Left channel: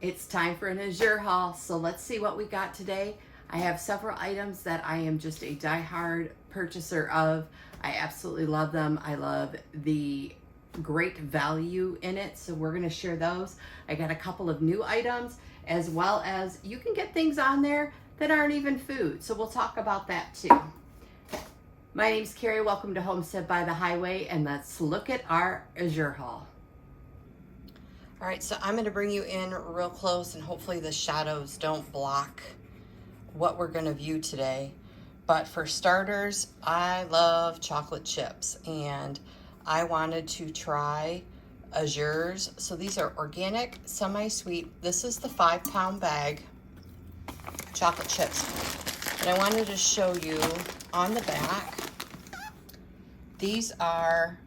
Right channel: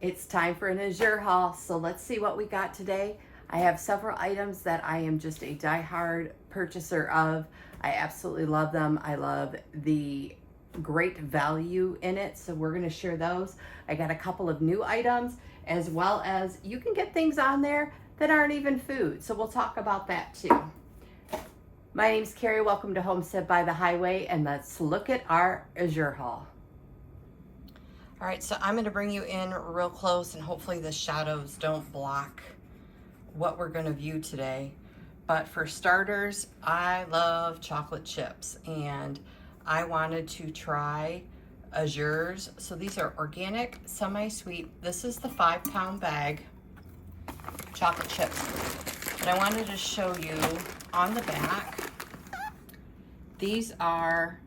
It's time for an Azure haul, so let's see what we got today. I have several items that I am just a die-hard purchaser of. I absolutely love them. I love the great value in it, so we're going to share those. I got a couple of new items, as well as you can get things on there that aren't even food, so we'll talk about that too. My name's Carrie. Welcome to Homestead by the Highway, and let's look at our Azure haul. All right, so I'm gonna bring you in real close and hopefully the shadows don't block what we're gonna view today. But for starters, I love chocolate chips and I wanted to try Azure's. So these are organic, semi-sweet. This is the 5-pound bag, chocolate chips. And I wanted to show you on the back, these are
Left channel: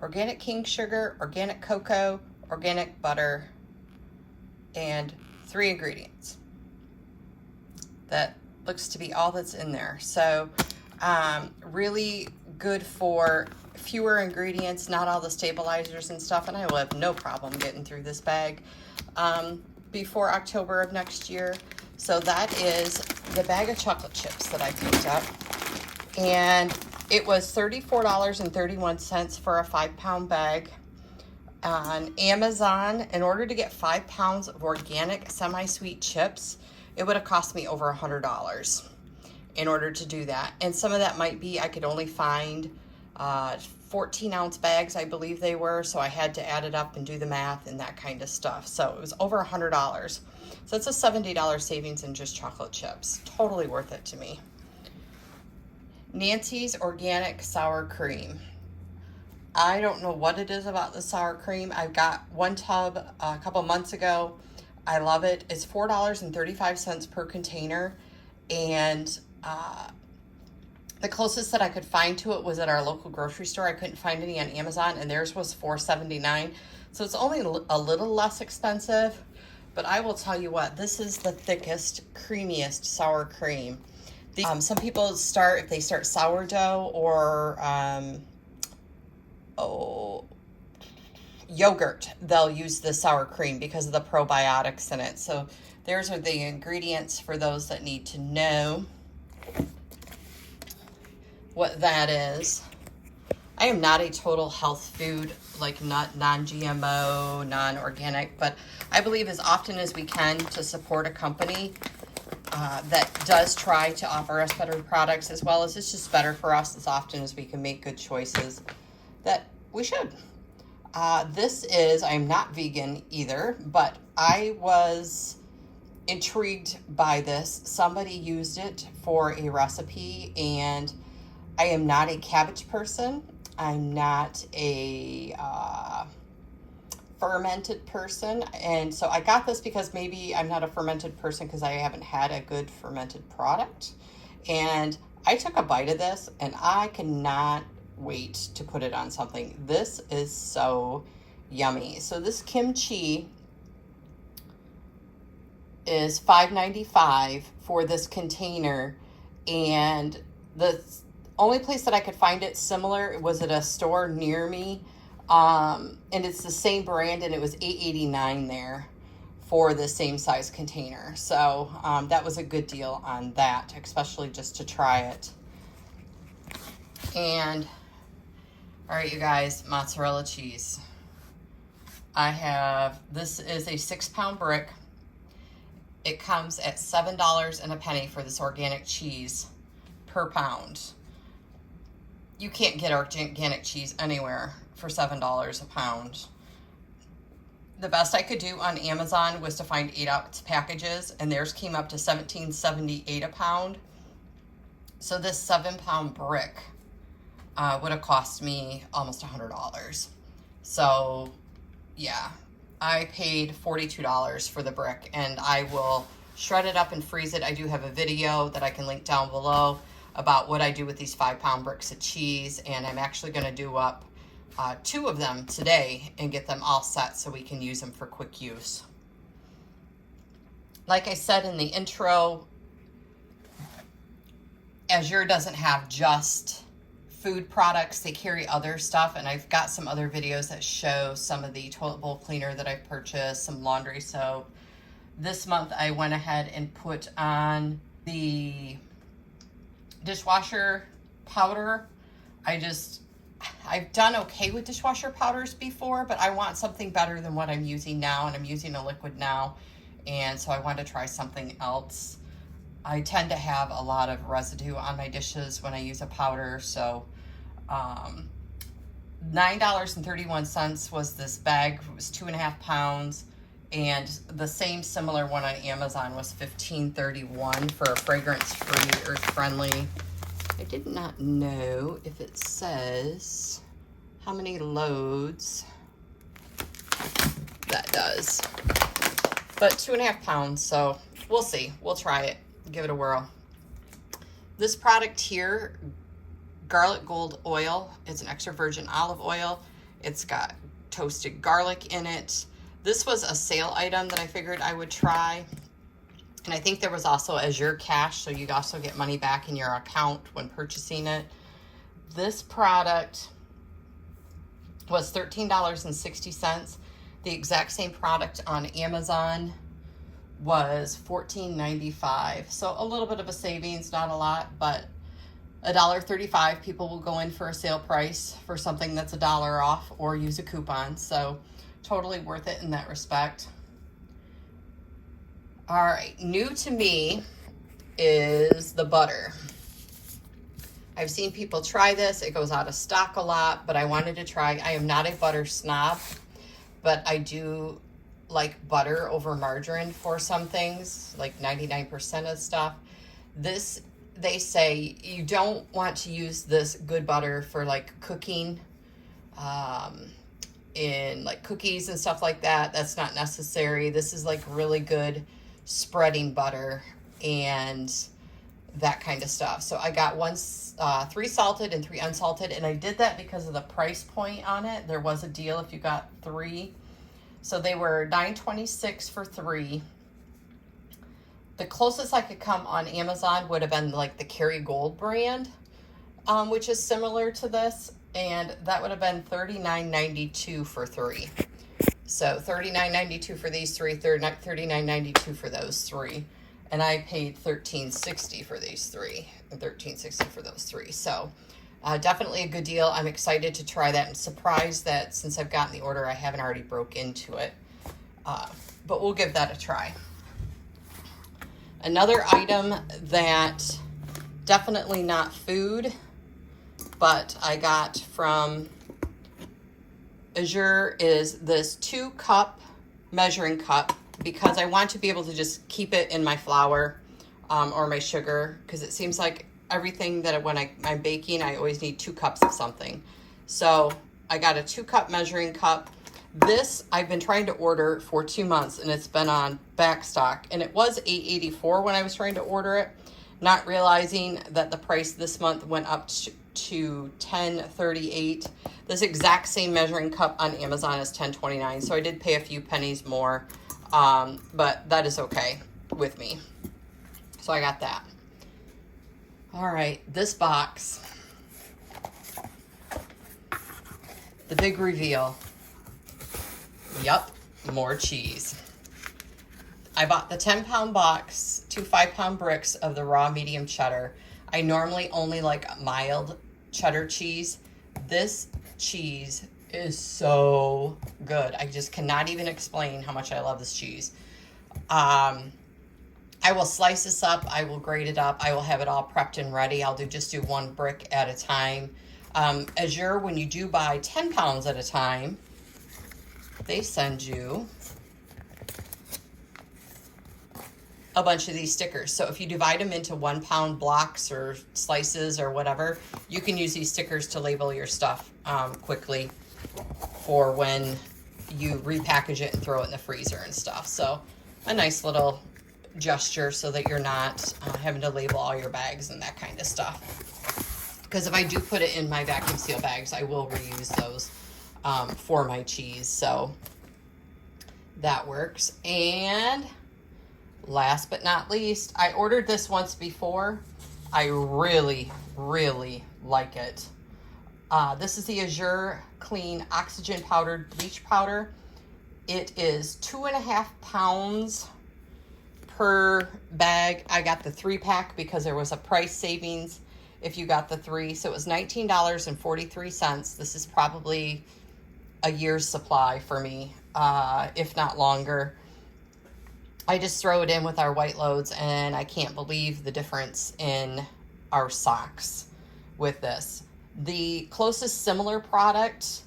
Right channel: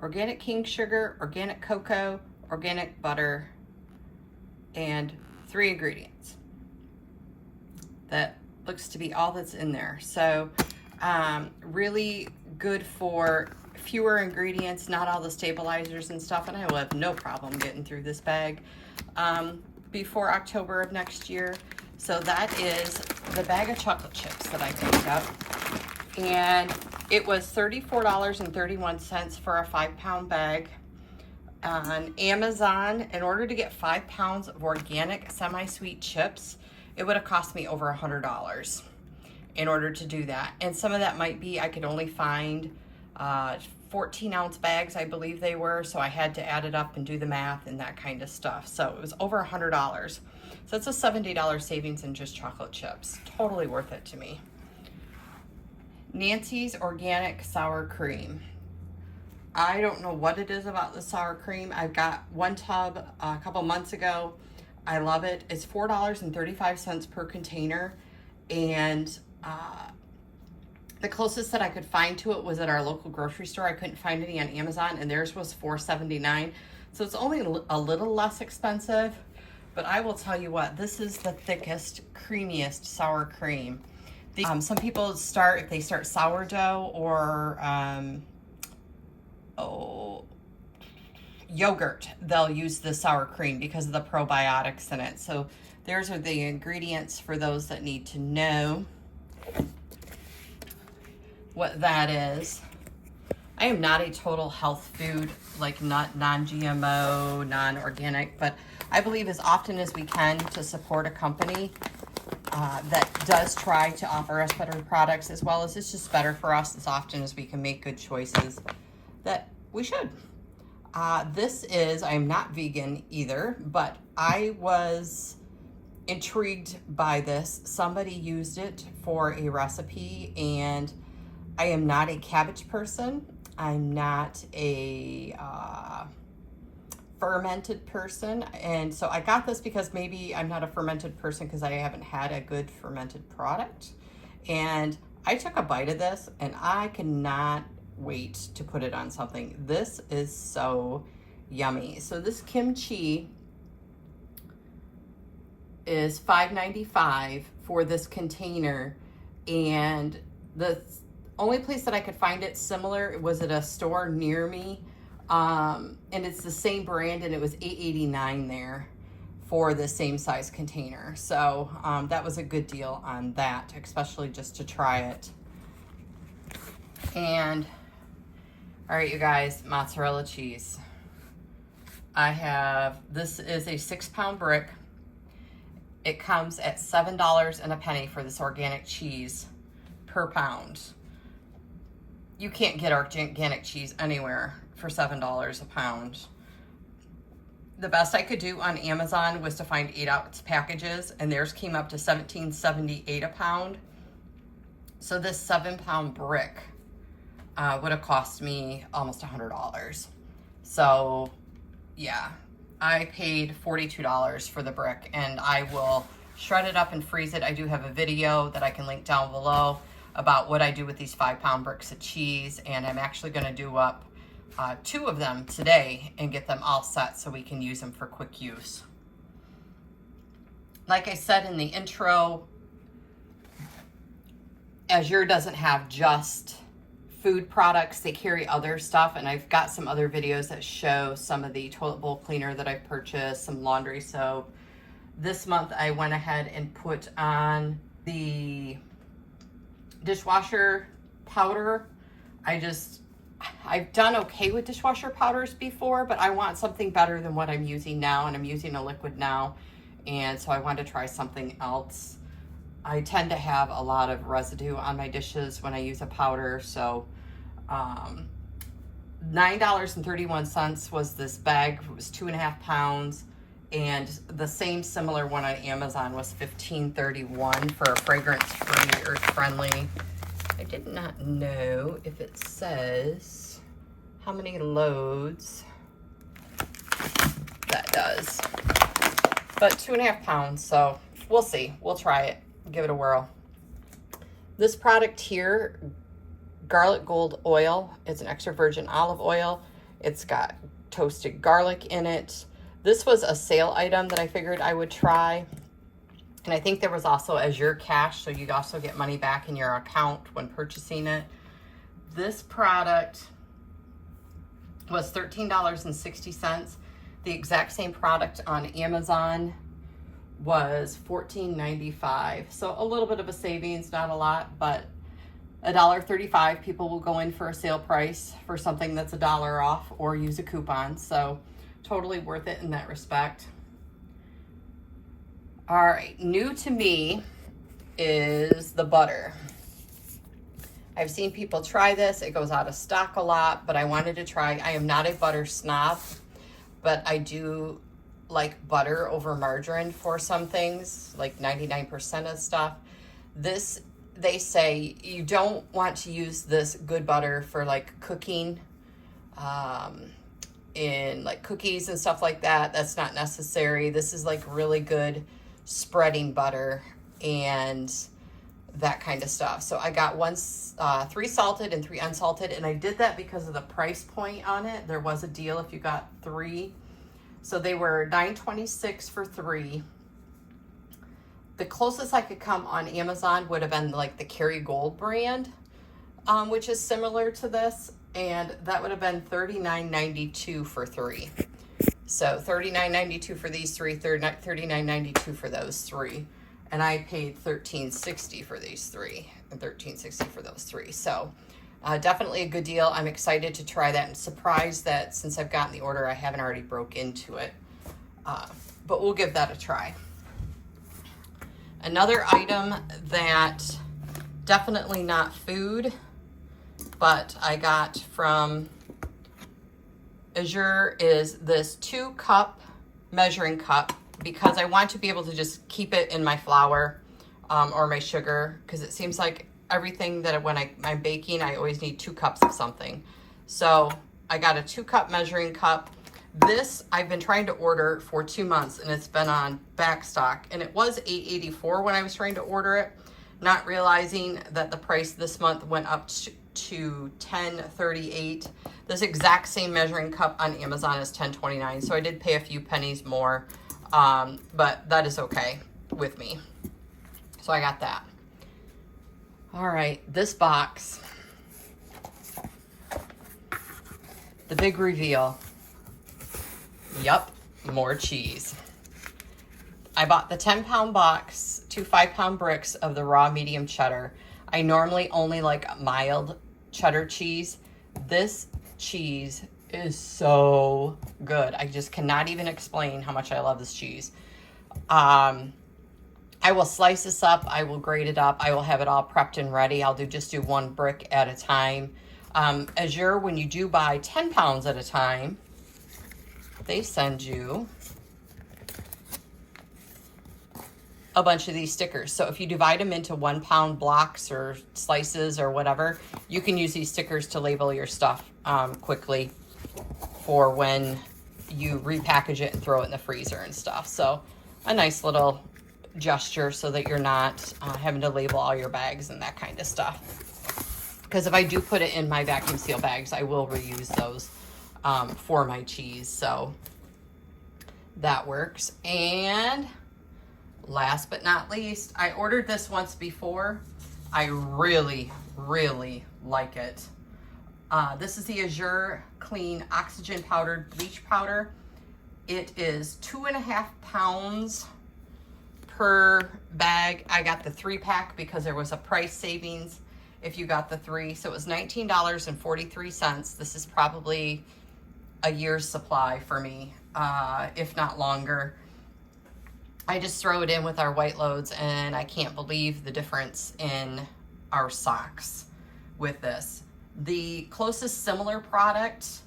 organic cane sugar, organic cocoa, organic butter, and 3 ingredients. That looks to be all that's in there. So really good for fewer ingredients, not all the stabilizers and stuff, and I will have no problem getting through this bag before October of next year. So that is the bag of chocolate chips that I picked up, and it was $34.31 for a 5-pound bag. On Amazon, in order to get 5 pounds of organic semi-sweet chips, it would have cost me over $100 in order to do that. And some of that might be, I could only find 14-ounce bags, I believe they were, so I had to add it up and do the math and that kind of stuff. So it was over $100. So it's a $70 savings in just chocolate chips. Totally worth it to me. Nancy's Organic Sour Cream. I don't know what it is about the sour cream. I've got one tub a couple months ago. I love it. It's $4.35 per container. And the closest that I could find to it was at our local grocery store. I couldn't find any on Amazon, and theirs was $4.79. So it's only a little less expensive. But I will tell you what, this is the thickest, creamiest sour cream. Some people start, if they start sourdough or yogurt, they'll use the sour cream because of the probiotics in it. So there's are the ingredients for those that need to know what that is. I am not a total health food, like not non-GMO, non-organic, but I believe as often as we can to support a company that does try to offer us better products, as well as it's just better for us as often as we can make good choices, that we should. This is, I'm not vegan either, but I was intrigued by this. Somebody used it for a recipe, and I am not a cabbage person. I'm not a fermented person. And so I got this because maybe I'm not a fermented person because I haven't had a good fermented product. And I took a bite of this and I cannot wait to put it on something. This is so yummy. So this kimchi is $5.95 for this container, and the only place that I could find it similar was at a store near me, and it's the same brand, and it was $8.89 there for the same size container. So that was a good deal on that, especially just to try it. And all right, you guys, mozzarella cheese. I have, this is a 6-pound brick. It comes at $7 and a penny for this organic cheese per pound. You can't get organic cheese anywhere for $7 a pound. The best I could do on Amazon was to find 8-ounce packages, and theirs came up to $17.78 a pound. So this 7-pound brick would have cost me almost $100. So yeah, I paid $42 for the brick, and I will shred it up and freeze it. I do have a video that I can link down below about what I do with these 5-pound bricks of cheese, and I'm actually going to do up 2 of them today and get them all set so we can use them for quick use. Like I said in the intro, Azure doesn't have just food products, they carry other stuff, and I've got some other videos that show some of the toilet bowl cleaner that I've purchased, some laundry soap, This month I went ahead and put on the dishwasher powder. I've done okay with dishwasher powders before, but I want something better than what I'm using now, and I'm using a liquid now, and so I wanted to try something else. I tend to have a lot of residue on my dishes when I use a powder, so $9.31 was this bag. It was 2.5 pounds, and the same similar one on Amazon was $15.31 for a fragrance-free, earth-friendly. I did not know if it says how many loads that does, but 2.5 pounds, so we'll see. We'll try it, give it a whirl. This product here, garlic gold oil, it's an extra virgin olive oil. It's got toasted garlic in it. This was a sale item that I figured I would try. And I think there was also Azure cash, so you'd also get money back in your account when purchasing it. This product was $13.60. The exact same product on Amazon was $14.95. So a little bit of a savings, not a lot, but $1.35. People will go in for a sale price for something that's $1 off or use a coupon. So totally worth it in that respect. All right, new to me is the butter. I've seen people try this. It goes out of stock a lot, but I wanted to try. I am not a butter snob, but I do like butter over margarine for some things, like 99% of stuff. This, they say you don't want to use this good butter for like cooking, in like cookies and stuff like that. That's not necessary. This is like really good spreading butter and that kind of stuff. So I got 3 salted and 3 unsalted, and I did that because of the price point on it. There was a deal if you got 3. So they were $9.26 for 3. The closest I could come on Amazon would have been like the Kerrygold brand, which is similar to this, and that would have been $39.92 for 3. So $39.92 for these 3, $39.92 for those 3. And I paid $13.60 for these 3 and $13.60 for those 3. So definitely a good deal. I'm excited to try that. I'm surprised that since I've gotten the order, I haven't already broke into it. But we'll give that a try. Another item that definitely not food, but I got from Azure is this 2-cup measuring cup, because I want to be able to just keep it in my flour or my sugar, because it seems like everything that when I'm baking, I always need 2 cups of something. So I got a 2-cup measuring cup. This I've been trying to order for 2 months, and it's been on back stock, and it was $8.84 when I was trying to order it, not realizing that the price this month went up to $10.38. This exact same measuring cup on Amazon is $10.29, so I did pay a few pennies more, but that is okay with me. So I got that. All right, this box, the big reveal. Yep, more cheese. I bought the 10-pound box, 2 5-pound bricks of the raw medium cheddar. I normally only like mild cheddar cheese. This cheese is so good. I just cannot even explain how much I love this cheese. I will slice this up. I will grate it up. I will have it all prepped and ready. I'll just do 1 brick at a time. Azure, when you do buy 10 pounds at a time, they send you a bunch of these stickers. So if you divide them into 1-pound blocks or slices or whatever, you can use these stickers to label your stuff quickly for when you repackage it and throw it in the freezer and stuff. So a nice little gesture so that you're not having to label all your bags and that kind of stuff. Because if I do put it in my vacuum seal bags, I will reuse those for my cheese. So that works. And last but not least, I ordered this once before. I really, really like it. This is the Azure Clean Oxygen Powdered Bleach Powder. It is 2.5 pounds per bag. I got the 3-pack because there was a price savings if you got the 3. So it was $19.43. This is probably a year's supply for me, if not longer. I just throw it in with our white loads, and I can't believe the difference in our socks with this. The closest similar product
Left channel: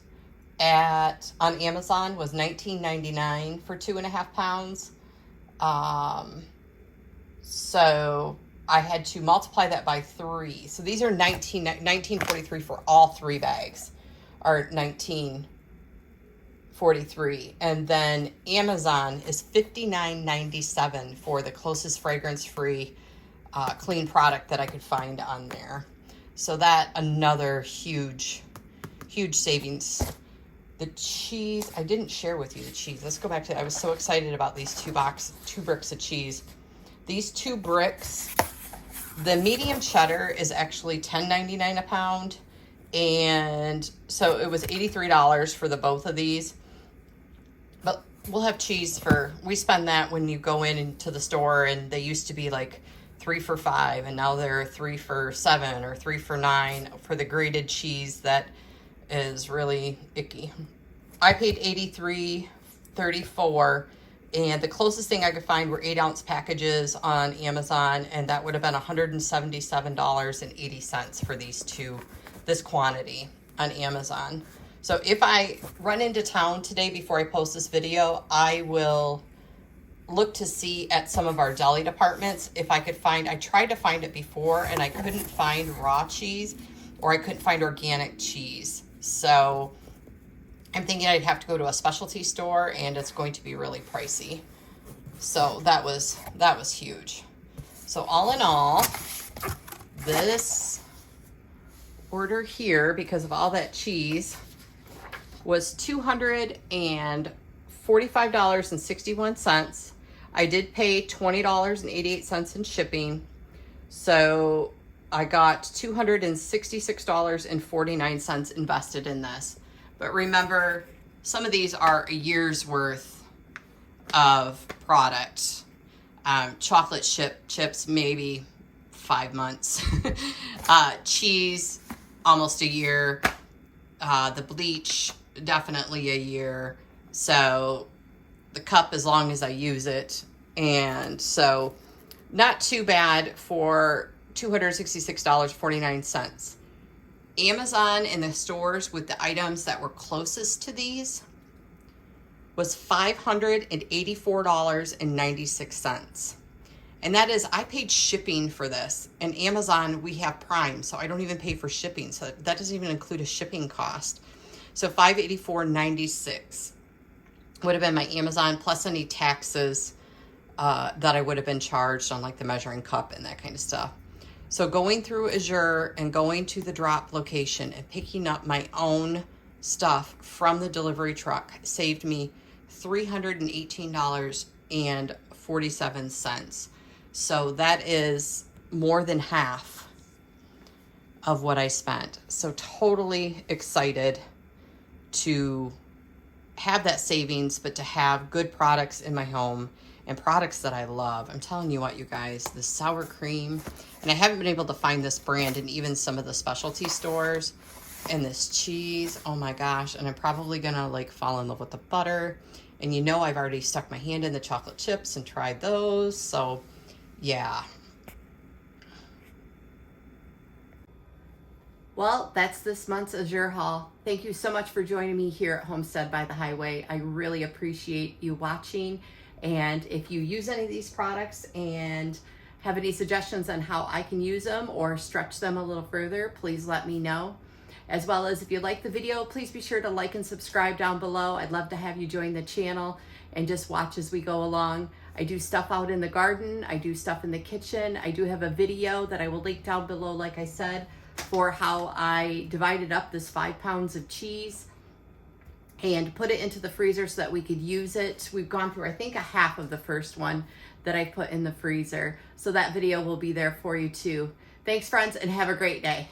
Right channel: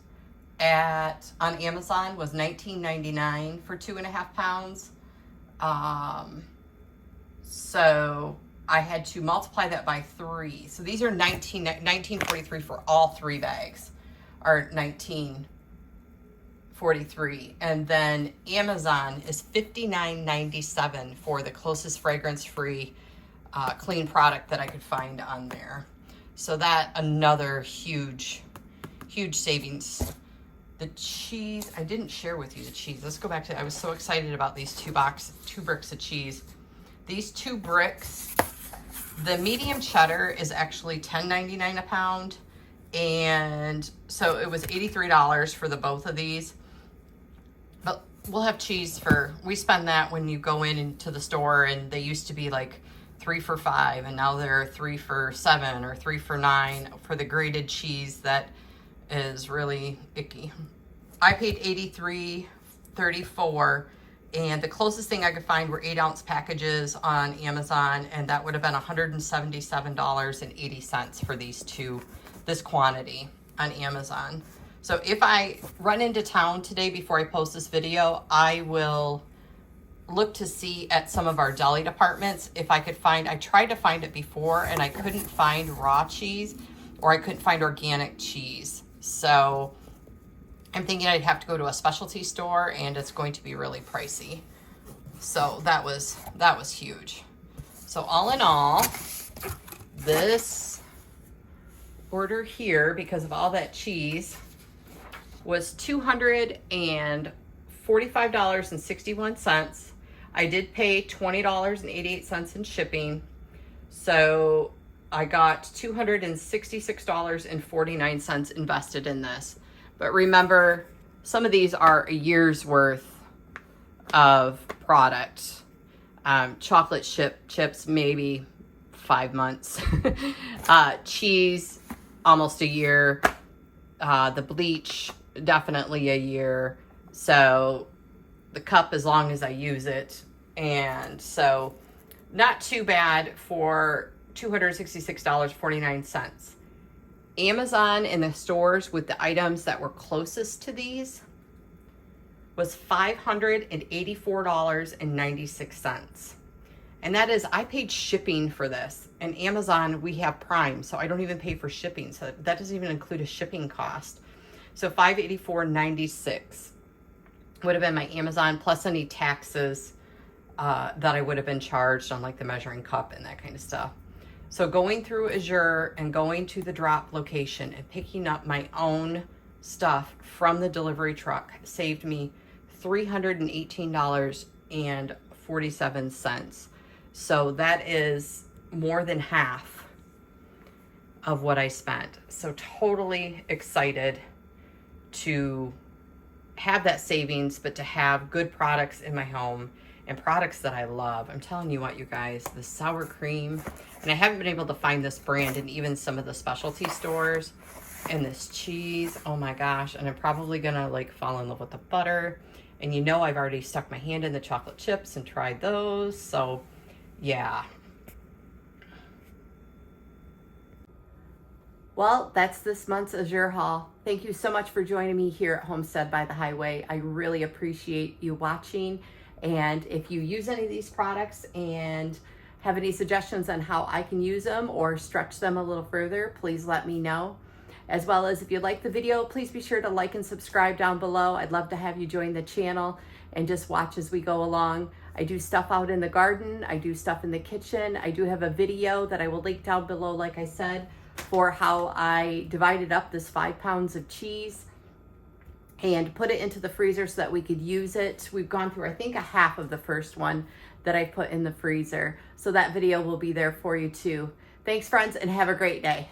on Amazon was $19.99 for 2.5 pounds. So I had to multiply that by 3. So these are $19.43 for all 3 bags, or $19.43. And then Amazon is $59.97 for the closest fragrance-free clean product that I could find on there. So that another huge savings. The cheese, I didn't share with you the cheese. Let's go back to, I was so excited about these 2 bricks of cheese. These 2 bricks, the medium cheddar is actually $10.99 a pound. And so it was $83 for the both of these. But we'll have cheese we spend that when you go into the store, and they used to be like 3 for $5, and now they're 3 for $7 or 3 for $9 for the grated cheese that is really icky. I paid $83.34, and the closest thing I could find were 8-ounce packages on Amazon, and that would have been $177.80 for this quantity on Amazon. So if I run into town today before I post this video, I will look to see at some of our deli departments if I could find, I tried to find it before and I couldn't find raw cheese, or I couldn't find organic cheese. So I'm thinking I'd have to go to a specialty store, and it's going to be really pricey. So that was huge. So all in all, this order here, because of all that cheese, was $245.61. I did pay $20.88 in shipping. So I got $266.49 invested in this. But remember, some of these are a year's worth of product. Chocolate chips, maybe 5 months. Cheese, almost a year. The bleach, definitely a year. So the cup, as long as I use it. And so not too bad for $266.49. Amazon in the stores with the items that were closest to these was $584.96. And that is, I paid shipping for this. And Amazon, we have Prime, so I don't even pay for shipping. So that doesn't even include a shipping cost. So $584.96 would have been my Amazon, plus any taxes that I would have been charged on like the measuring cup and that kind of stuff. So going through Azure and going to the drop location and picking up my own stuff from the delivery truck saved me $318.47. So that is more than half of what I spent. So totally excited to have that savings, but to have good products in my home and products that I love. I'm telling you what, you guys, the sour cream, and I haven't been able to find this brand in even some of the specialty stores, and this cheese, oh my gosh, and I'm probably gonna like fall in love with the butter. And you know, I've already stuck my hand in the chocolate chips and tried those, so yeah. Well, that's this month's Azure haul. Thank you so much for joining me here at Homestead by the Highway. I really appreciate you watching. And if you use any of these products and have any suggestions on how I can use them or stretch them a little further, please let me know. As well as if you like the video, please be sure to like and subscribe down below. I'd love to have you join the channel and just watch as we go along. I do stuff out in the garden. I do stuff in the kitchen. I do have a video that I will link down below, like I said, for how I divided up this 5 pounds of cheese and put it into the freezer so that we could use it. We've gone through, I think, a half of the first one that I put in the freezer. So that video will be there for you too. Thanks, friends, and have a great day.